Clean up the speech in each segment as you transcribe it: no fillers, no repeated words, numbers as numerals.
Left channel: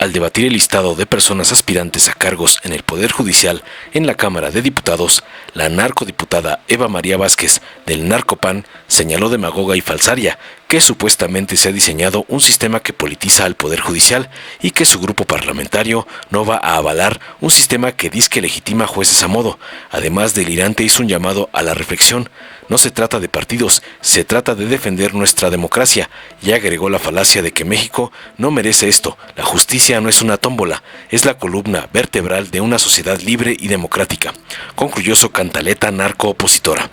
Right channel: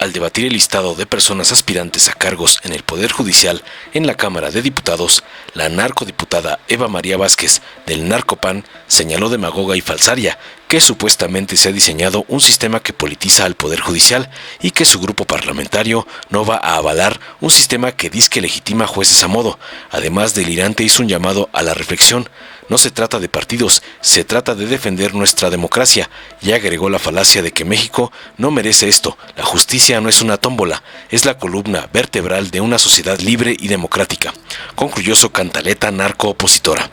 Al debatir el listado de personas aspirantes a cargos en el Poder Judicial en la Cámara de Diputados, la narcodiputada Eva María Vázquez del Narcopan señaló demagoga y falsaria que supuestamente se ha diseñado un sistema que politiza al Poder Judicial y que su grupo parlamentario no va a avalar un sistema que disque legitima jueces a modo. Además, delirante hizo un llamado a la reflexión. No se trata de partidos, se trata de defender nuestra democracia, y agregó la falacia de que México no merece esto. La justicia no es una tómbola, es la columna vertebral de una sociedad libre y democrática, concluyó su cantaleta narco-opositora.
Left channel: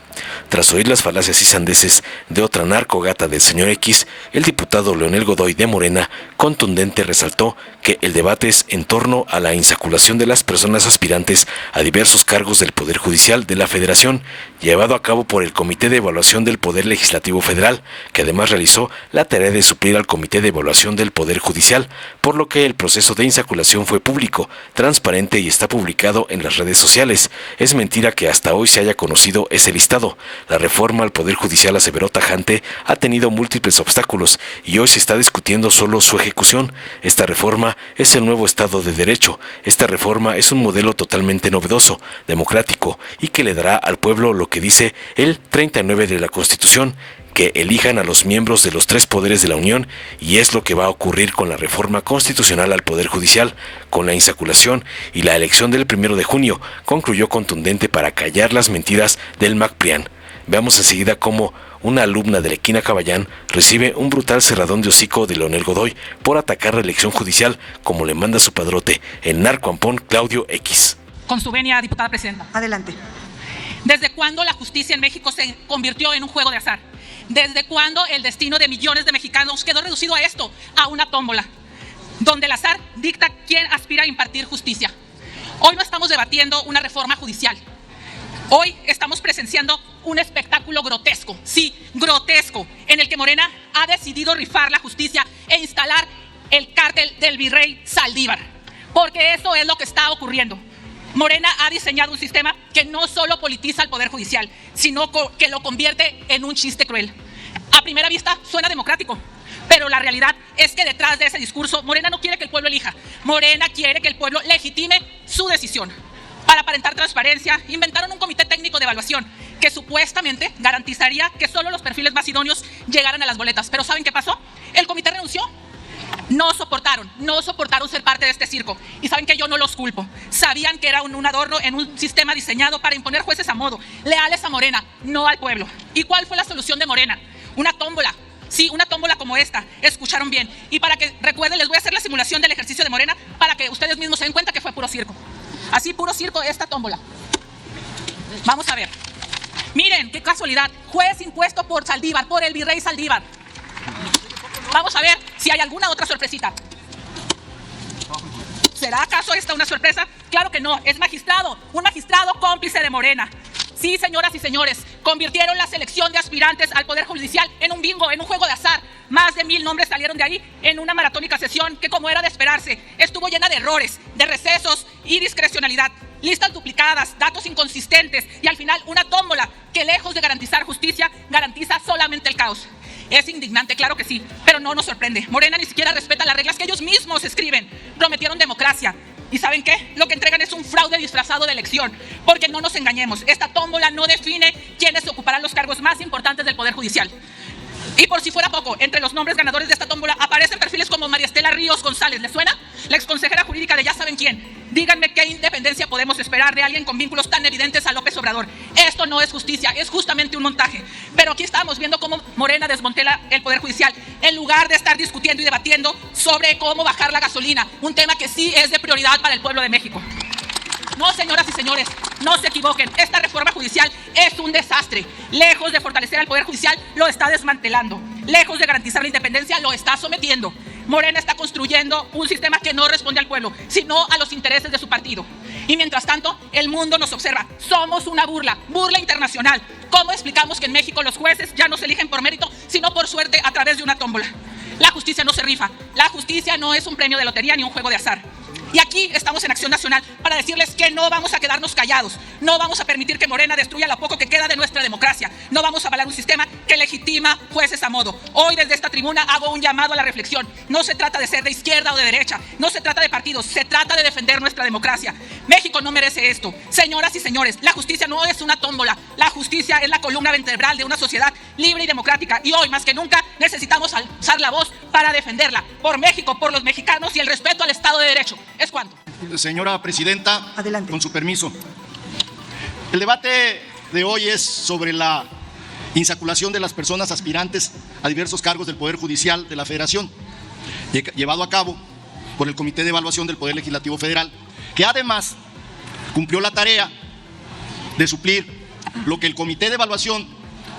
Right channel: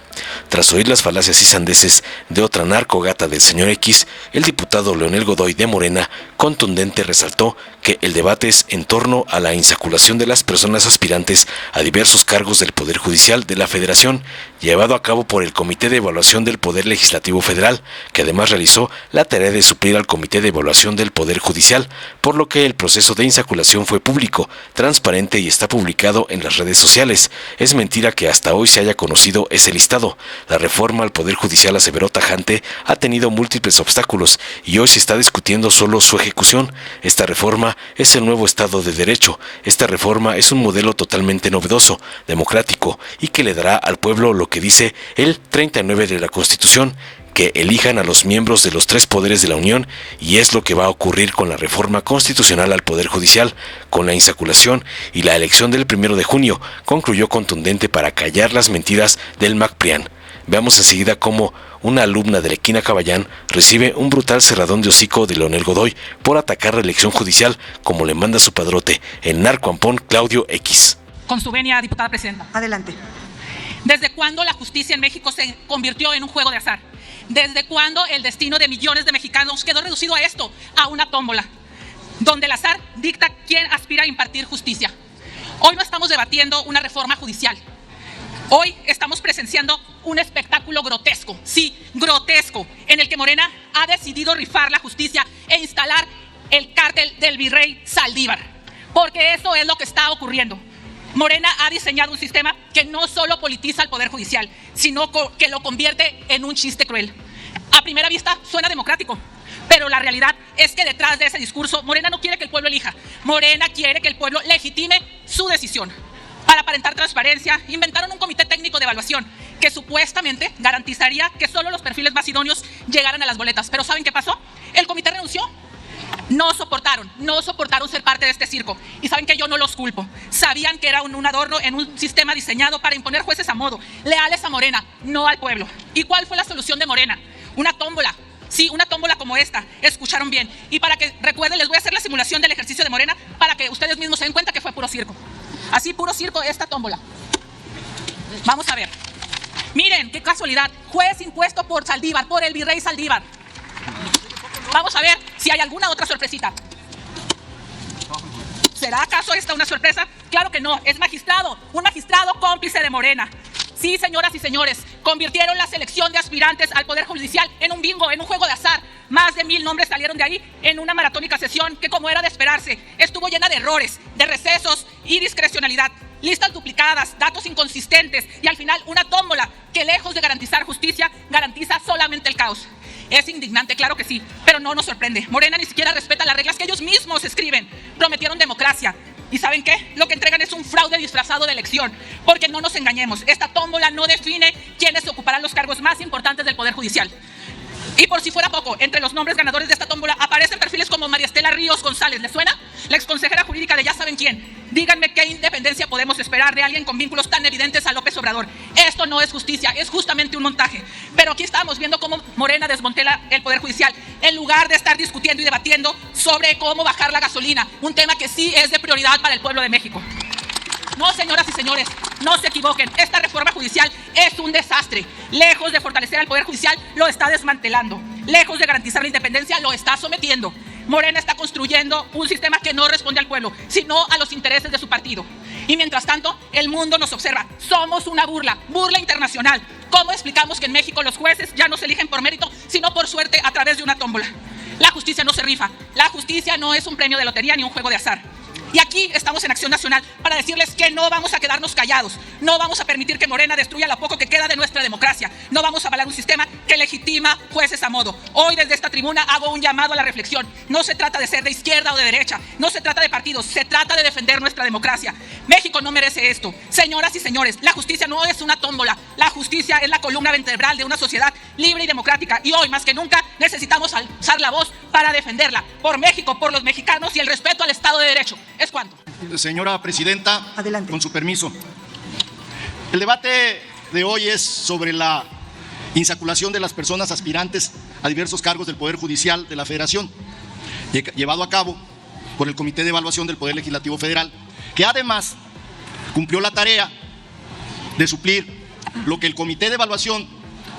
Tras oír las falacias y sandeces de otra narcogata del señor X, el diputado Leonel Godoy de Morena, contundente, resaltó que el debate es en torno a la insaculación de las personas aspirantes a diversos cargos del Poder Judicial de la Federación, llevado a cabo por el Comité de Evaluación del Poder Legislativo Federal, que además realizó la tarea de suplir al Comité de Evaluación del Poder Judicial, por lo que el proceso de insaculación fue público, transparente y está publicado en las redes sociales. Es mentira que hasta hoy se haya conocido ese listado. La reforma al Poder Judicial, aseveró tajante, ha tenido múltiples obstáculos y hoy se está discutiendo solo su ejecución. Esta reforma es el nuevo Estado de Derecho. Esta reforma es un modelo totalmente novedoso, democrático y que le dará al pueblo lo que dice el 39 de la Constitución, que elijan a los miembros de los tres poderes de la Unión, y es lo que va a ocurrir con la reforma constitucional al Poder Judicial, con la insaculación y la elección del 1 de junio, concluyó contundente para callar las mentiras del MACPRIAN. Veamos enseguida cómo una alumna de Lequina Caballán recibe un brutal cerradón de hocico de Leonel Godoy por atacar la elección judicial, como le manda su padrote, el narcoampón Claudio X. Con su venia, diputada presidenta. Adelante. ¿Desde cuándo la justicia en México se convirtió en un juego de azar? ¿Desde cuándo el destino de millones de mexicanos quedó reducido a esto, a una tómbola, donde el azar dicta quién aspira a impartir justicia? Hoy no estamos debatiendo una reforma judicial. Hoy estamos presenciando un espectáculo grotesco, sí, grotesco, en el que Morena ha decidido rifar la justicia e instalar el cártel del virrey Saldívar, porque eso es lo que está ocurriendo. Morena ha diseñado un sistema que no solo politiza al Poder Judicial, sino que lo convierte en un chiste cruel. A primera vista suena democrático, pero la realidad es que detrás de ese discurso, Morena no quiere que el pueblo elija. Morena quiere que el pueblo legitime su decisión. Para aparentar transparencia, inventaron un comité técnico de evaluación que supuestamente garantizaría que solo los perfiles más idóneos llegaran a las boletas. Pero ¿saben qué pasó? El comité renunció. No soportaron ser parte de este circo. Y saben que yo no los culpo. Sabían que era un adorno en un sistema diseñado para imponer jueces a modo, leales a Morena, no al pueblo. ¿Y cuál fue la solución de Morena? Una tómbola. Sí, una tómbola como esta. Escucharon bien. Y para que recuerden, les voy a hacer la simulación del ejercicio de Morena para que ustedes mismos se den cuenta que fue puro circo. Así, puro circo, esta tómbola. Vamos a ver. Miren, qué casualidad. Juez impuesto por Saldívar, por el virrey Saldívar. Vamos a ver si hay alguna otra sorpresita. ¿Será acaso esta una sorpresa? Claro que no, es magistrado, un magistrado cómplice de Morena. Sí, señoras y señores, convirtieron la selección de aspirantes al Poder Judicial en un bingo, en un juego de azar. Más de 1000 nombres salieron de ahí en una maratónica sesión que, como era de esperarse, estuvo llena de errores, de recesos y discrecionalidad. Listas duplicadas, datos inconsistentes y al final una tómbola que, lejos de garantizar justicia, garantiza solamente el caos. Es indignante, claro que sí, pero no nos sorprende. Morena ni siquiera respeta las reglas que ellos mismos escriben. Prometieron democracia. ¿Y saben qué? Lo que entregan es un fraude disfrazado de elección. Porque no nos engañemos, esta tómbola no define quiénes ocuparán los cargos más importantes del Poder Judicial. Y por si fuera poco, entre los nombres ganadores de esta tómbola aparecen perfiles como María Estela Ríos González. ¿Les suena? La exconsejera jurídica de ya saben quién. Díganme qué independencia podemos esperar de alguien con vínculos tan evidentes a López Obrador. Esto no es justicia, es justamente un montaje. Pero aquí estamos viendo cómo Morena desmantela el Poder Judicial en lugar de estar discutiendo y debatiendo sobre cómo bajar la gasolina, un tema que sí es de prioridad para el pueblo de México. No, señoras y señores, no se equivoquen. Esta reforma judicial es un desastre. Lejos de fortalecer al Poder Judicial, lo está desmantelando. Lejos de garantizar la independencia, lo está sometiendo. Morena está construyendo un sistema que no responde al pueblo, sino a los intereses de su partido. Y mientras tanto, el mundo nos observa. Somos una burla internacional. ¿Cómo explicamos que en México los jueces ya no se eligen por mérito, sino por suerte a través de una tómbola? La justicia no se rifa. La justicia no es un premio de lotería ni un juego de azar. Y aquí estamos en Acción Nacional para decirles que no vamos a quedarnos callados. No vamos a permitir que Morena destruya lo poco que queda de nuestra democracia. No vamos a avalar un sistema que legitima jueces a modo. Hoy desde esta tribuna hago un llamado a la reflexión. No se trata de ser de izquierda o de derecha. No se trata de partidos. Se trata de defender nuestra democracia. México no merece esto. Señoras y señores, la justicia no es una tómbola. La justicia es la columna vertebral de una sociedad libre y democrática. Y hoy más que nunca necesitamos alzar la voz para defenderla. Por México, por los mexicanos y el respeto al Estado de Derecho. ¿Es cuánto? Señora Presidenta, adelante. Con su permiso. El debate de hoy es sobre la insaculación de las personas aspirantes a diversos cargos del Poder Judicial de la Federación, llevado a cabo por el Comité de Evaluación del Poder Legislativo Federal, que además cumplió la tarea de suplir lo que el Comité de Evaluación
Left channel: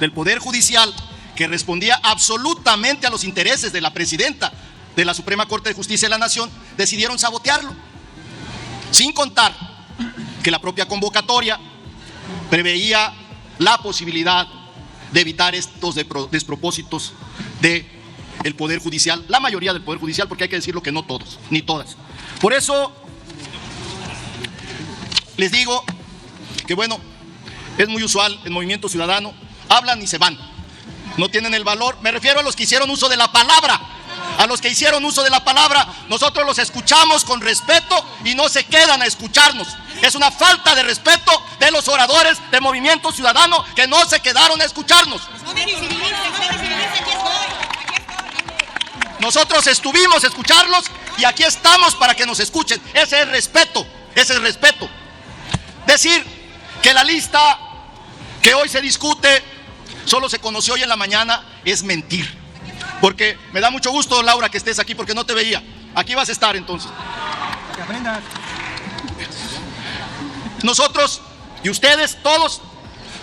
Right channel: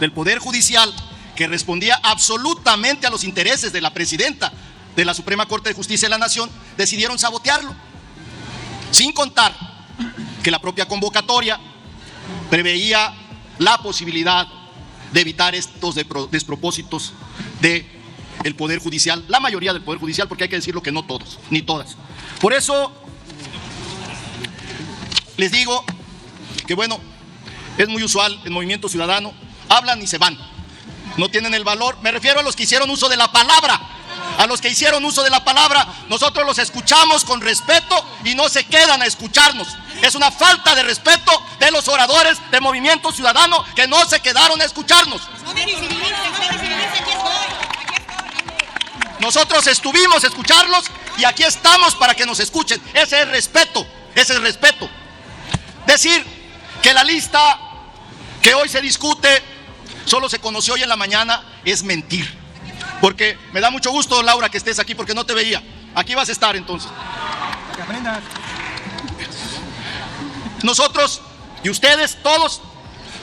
del Poder Judicial, que respondía absolutamente a los intereses de la Presidenta de la Suprema Corte de Justicia de la Nación, decidieron sabotearlo, sin contar que la propia convocatoria preveía la posibilidad de evitar estos despropósitos del Poder Judicial, la mayoría del Poder Judicial, porque hay que decirlo que no todos, ni todas. Por eso les digo que bueno, es muy usual en Movimiento Ciudadano, hablan y se van, no tienen el valor. Me refiero a los que hicieron uso de la palabra. A los que hicieron uso de la palabra, nosotros los escuchamos con respeto y no se quedan a escucharnos. Es una falta de respeto de los oradores de Movimiento Ciudadano que no se quedaron a escucharnos. Nosotros estuvimos a escucharlos y aquí estamos para que nos escuchen. Ese es respeto, ese es respeto. Decir que la lista que hoy se discute solo se conoció hoy en la mañana es mentir. Porque me da mucho gusto, Laura, que estés aquí porque no te veía. Aquí vas a estar entonces. Que aprendas. Nosotros y ustedes todos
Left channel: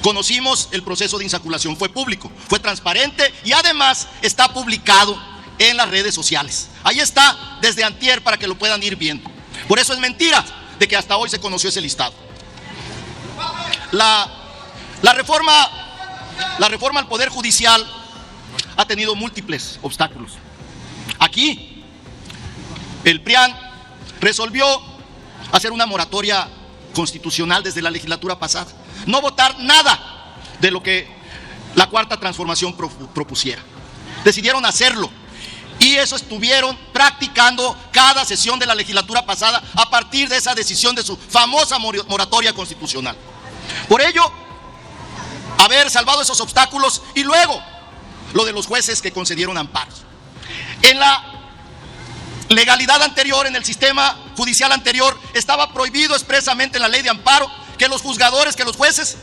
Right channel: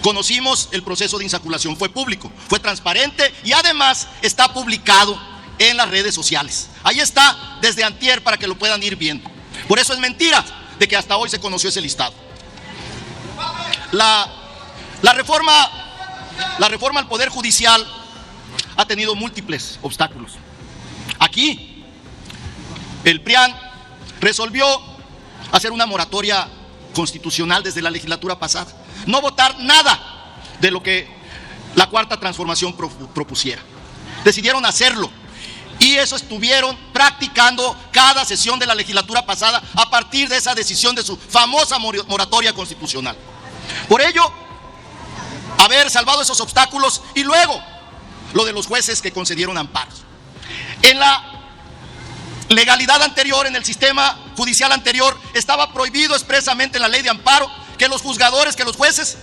conocimos el proceso de insaculación. Fue público, fue transparente y además está publicado en las redes sociales. Ahí está desde antier para que lo puedan ir viendo. Por eso es mentira de que hasta hoy se conoció ese listado. La reforma al Poder Judicial ha tenido múltiples obstáculos. Aquí, el PRIAN resolvió hacer una moratoria constitucional desde la legislatura pasada. No votar nada de lo que la Cuarta Transformación propusiera. Decidieron hacerlo. Y eso estuvieron practicando cada sesión de la legislatura pasada a partir de esa decisión de su famosa moratoria constitucional. Por ello, haber salvado esos obstáculos y luego lo de los jueces que concedieron amparos. En la legalidad anterior, en el sistema judicial anterior, estaba prohibido expresamente en la ley de amparo que los juzgadores, que los jueces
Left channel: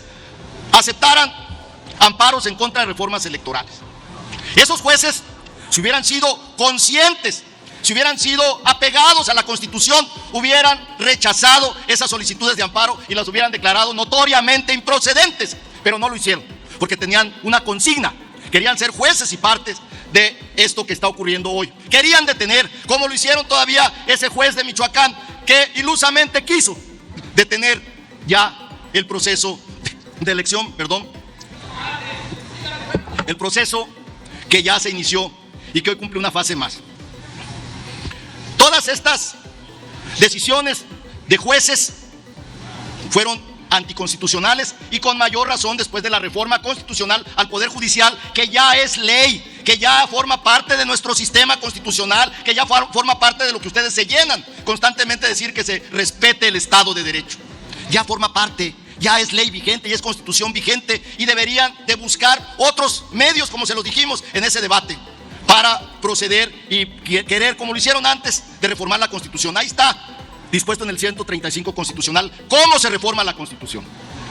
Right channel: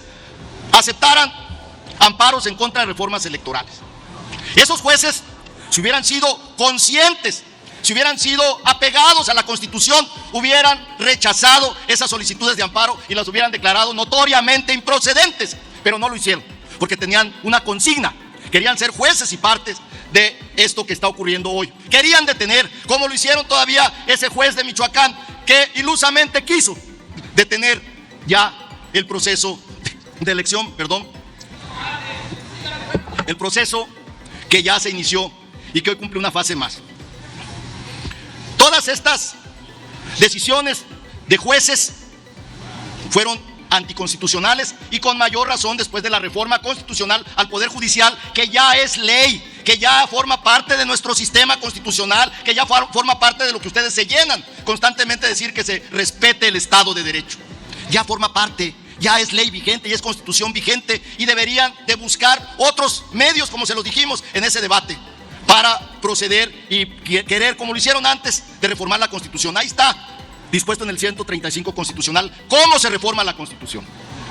aceptaran amparos en contra de reformas electorales. Esos jueces, si hubieran sido conscientes, si hubieran sido apegados a la Constitución, hubieran rechazado esas solicitudes de amparo y las hubieran declarado notoriamente improcedentes, pero no lo hicieron, porque tenían una consigna. Querían ser jueces y partes de esto que está ocurriendo hoy. Querían detener, como lo hicieron todavía ese juez de Michoacán, que ilusamente quiso detener ya el proceso de elección, el proceso que ya se inició y que hoy cumple una fase más. Todas estas decisiones de jueces fueron anticonstitucionales y con mayor razón después de la reforma constitucional al Poder Judicial, que ya es ley, que ya forma parte de nuestro sistema constitucional, que ya forma parte de lo que ustedes se llenan constantemente decir que se respete el Estado de Derecho. Ya forma parte, ya es ley vigente y es constitución vigente y deberían de buscar otros medios, como se los dijimos en ese debate, para proceder y querer, como lo hicieron antes, de reformar la Constitución. Ahí está, dispuesto en el 135 constitucional, cómo se reforma la Constitución.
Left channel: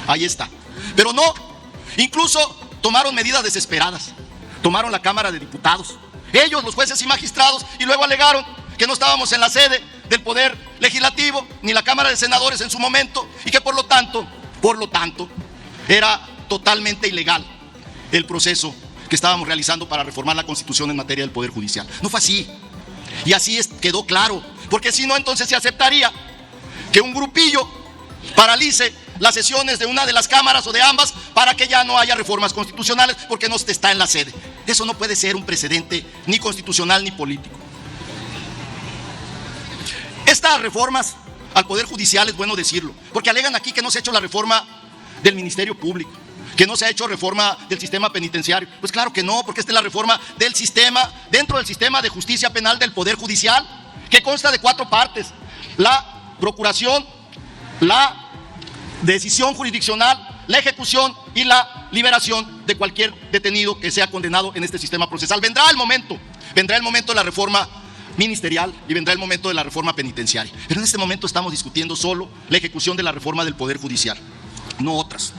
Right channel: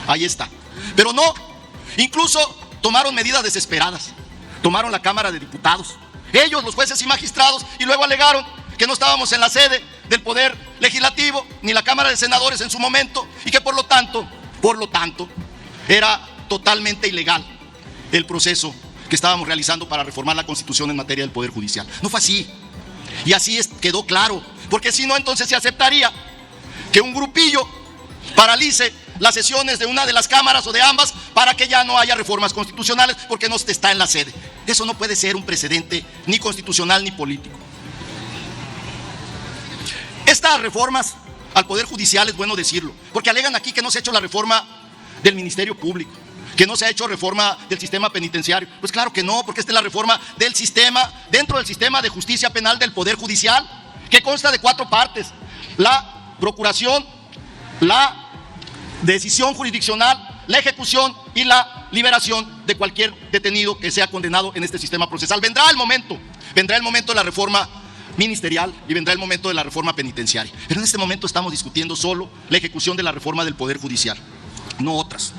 Ahí está. Pero no, incluso tomaron medidas desesperadas. Tomaron la Cámara de Diputados, ellos, los jueces y magistrados, y luego alegaron que no estábamos en la sede del Poder Legislativo, ni la Cámara de Senadores en su momento, y que por lo tanto, era totalmente ilegal el proceso que estábamos realizando para reformar la Constitución en materia del Poder Judicial. No fue así. Y así quedó claro, porque si no, entonces se aceptaría que un grupillo paralice las sesiones de una de las cámaras o de ambas para que ya no haya reformas constitucionales porque no está en la sede. Eso no puede ser un precedente ni constitucional ni político. Estas reformas al Poder Judicial, es bueno decirlo, porque alegan aquí que no se ha hecho la reforma del Ministerio Público, que no se ha hecho reforma del sistema penitenciario. Pues claro que no, porque esta es la reforma del sistema, dentro del sistema de justicia penal del Poder Judicial, que consta de 4 partes: la procuración, la decisión jurisdiccional, la ejecución y la liberación de cualquier detenido que sea condenado en este sistema procesal. Vendrá el momento de la reforma ministerial y vendrá el momento de la reforma penitenciaria. Pero en este momento estamos discutiendo solo la ejecución de la reforma del Poder Judicial, no otras.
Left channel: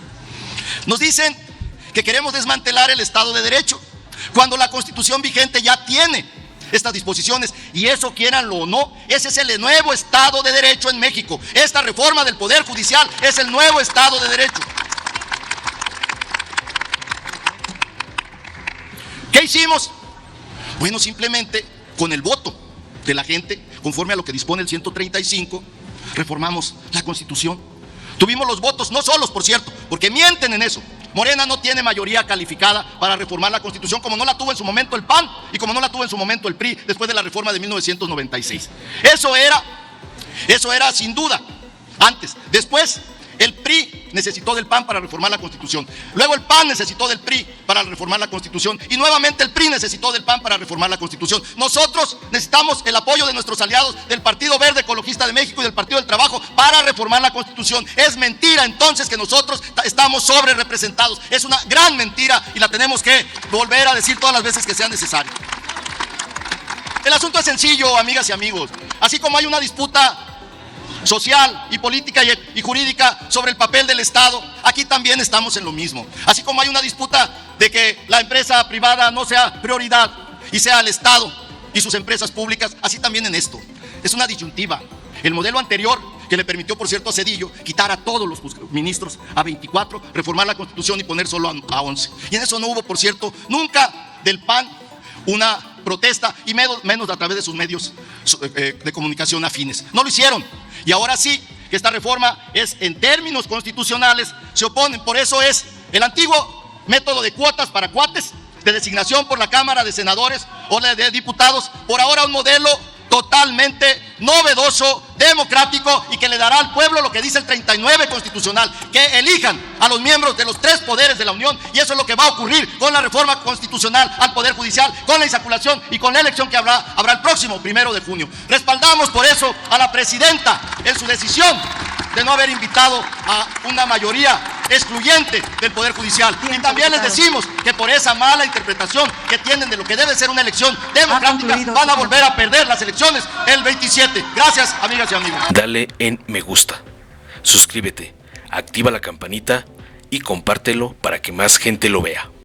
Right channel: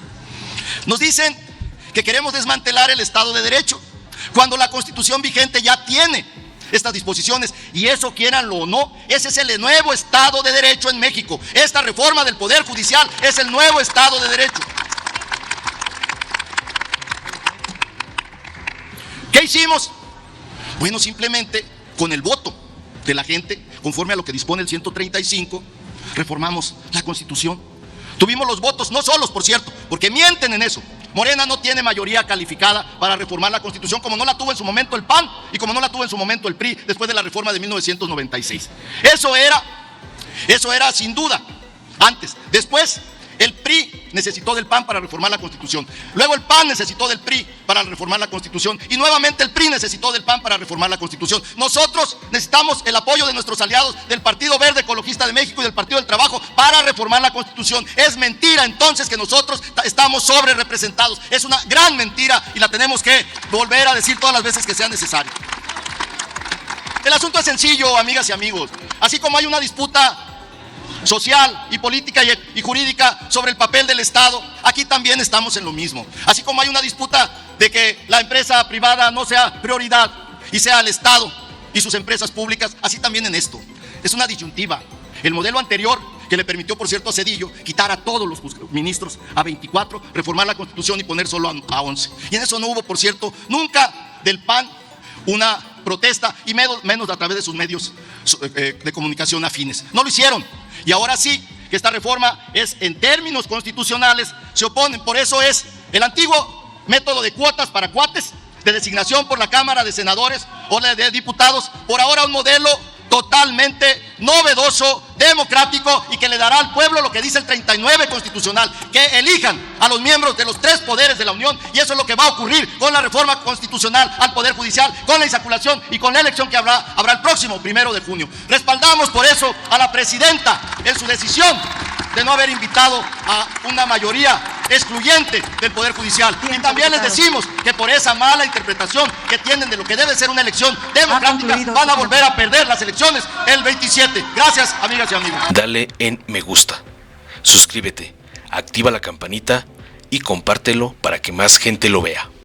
Nos dicen que queremos desmantelar el Estado de Derecho, cuando la Constitución vigente ya tiene estas disposiciones, y eso, quieranlo o no, ese es el nuevo Estado de Derecho en México. Esta reforma del Poder Judicial es el nuevo Estado de Derecho. ¿Qué hicimos? Bueno, simplemente con el voto de la gente, conforme a lo que dispone el 135, reformamos la Constitución. Tuvimos los votos, no solos, por cierto, porque mienten en eso. Morena no tiene mayoría calificada para reformar la Constitución, como no la tuvo en su momento el PAN y como no la tuvo en su momento el PRI después de la reforma de 1996. Eso era sin duda antes. Después el PRI necesitó del PAN para reformar la Constitución. Luego el PAN necesitó del PRI para reformar la Constitución. Y nuevamente el PRI necesitó del PAN para reformar la Constitución. Nosotros necesitamos el apoyo de nuestros aliados del Partido Verde Ecologista de México y del Partido del Trabajo para reformar la Constitución. Es mentira entonces que nosotros estamos sobre representados. Es una gran mentira y la tenemos que volver a decir todas las veces que sea necesario. El asunto es sencillo, amigas y amigos. Así como hay una disputa social y política y jurídica sobre el papel del Estado, aquí también estamos en lo mismo. Así como hay una disputa de que la empresa privada no sea prioridad y sea el Estado y sus empresas públicas, así también en esto. Es una disyuntiva. El modelo anterior, que le permitió, por cierto, a Zedillo quitar a todos los ministros a 24, reformar la Constitución y poner solo a 11. Y en eso no hubo, por cierto, nunca del PAN una protesta, y menos a través de sus medios de comunicación afines. No lo hicieron. Y ahora sí, que esta reforma es en términos constitucionales, se oponen. Por eso es el antiguo método de cuotas para cuates, de designación por la Cámara de Senadores o la de Diputados, por ahora un modelo totalmente novedoso, democrático, y que le dará al pueblo lo que dice el 39 constitucional, que elijan a los miembros de los 3 poderes de la Unión, y eso es lo que va a ocurrir con la reforma constitucional al Poder Judicial, con la insaculación y con la elección que habrá el próximo 1 de junio. Respaldamos por eso a la presidenta en su decisión de no haber invitado a una mayoría excluyente del Poder Judicial. Y también les decimos que por esa mala interpretación que tienen de lo que debe ser una elección democrática, van a volver a perder las elecciones el 27. Gracias, amigas y amigos. Dale en me gusta, suscríbete, activa la campanita y compártelo para que más gente lo vea.